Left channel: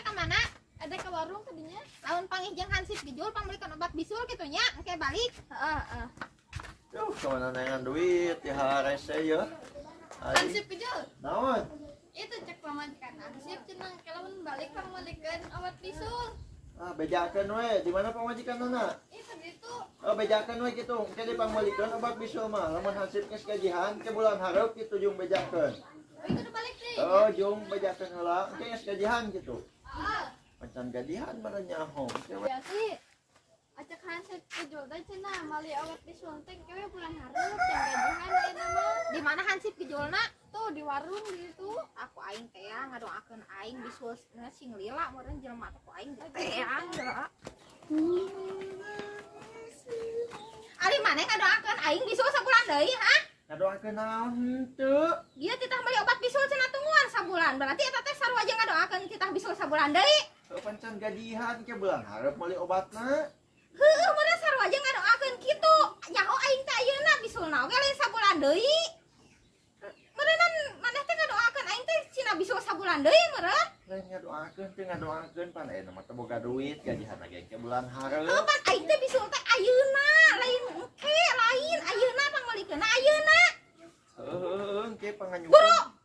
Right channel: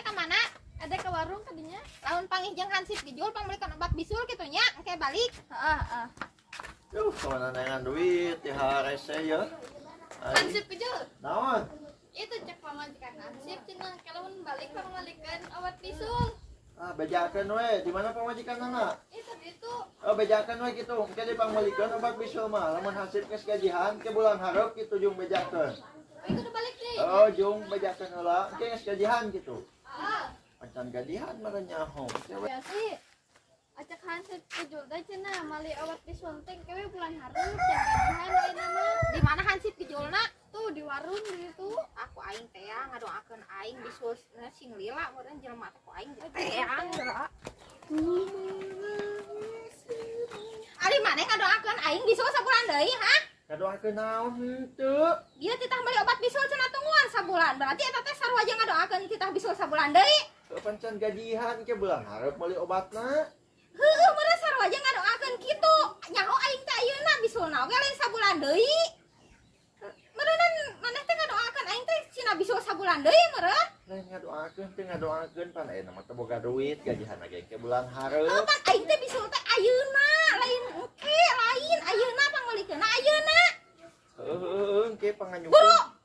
ada ke mana? Ada ke warung tadinya. Lawan pangijeng hansip dijual pangmelikan obat bisul gitu nya. Engke balik. Heeh. Yuh, kemana nengan duit ya rese ya. Hansip dijual. Naon? Itu cek pamajikan hansip cenah kalawan balik pangmelikan obat bisul. Ah, bejakeun we. Di mana pamajikanna? Itu gitu. Oh, bejakeun we kitu. Engke dipangmalikeun obat bisul mah. Lamun hansip geus gajihan ke bulan hareup kitu jeung bejakeun. Oh, itu udah balik deh. Oh, jeung bejakeun heula. Engke geus gajihan kitu. Ah. Macan gajihan mah nyaho. Ya sih. Acak hansip dijual teh cenah mali obat bisul teh kewe bulan hareup yang gajihan ayeuna mah. Di mana hansip dijualna? Tuh di warung di situ. Aku aing teh ngadoakeun aing bisul sing lila meureun jelema teh ku aing teh geura. Ali maneh ngadoakeun aing bisul sabulan deui, ha? Ngadoakeun naon henteu? Dia titah beli obat bisul cenah tungguan sabulan. Berarti eta teh sarua aja ngadoakeun titah bisul sabulan deui. Pancen gajihan ke bulan hareup meuli obatna. Heueuh meureun sarua aja ngadoakeun kitu. Nyaho aing teh ayeuna bisulna oge lain sabulan deui. Meureun maneh teh ngadoakeun aing teh cina bisul sabulan deui meureun. Lain ngadoakeun pan aya mah teu boga duit gajihan lagi ke bulan hareup. Heuh pan aing teh bisul teh ayeuna lain engke lain ayeuna pangolikeunna ayeuna. Heuh engke panganyukeun. Buru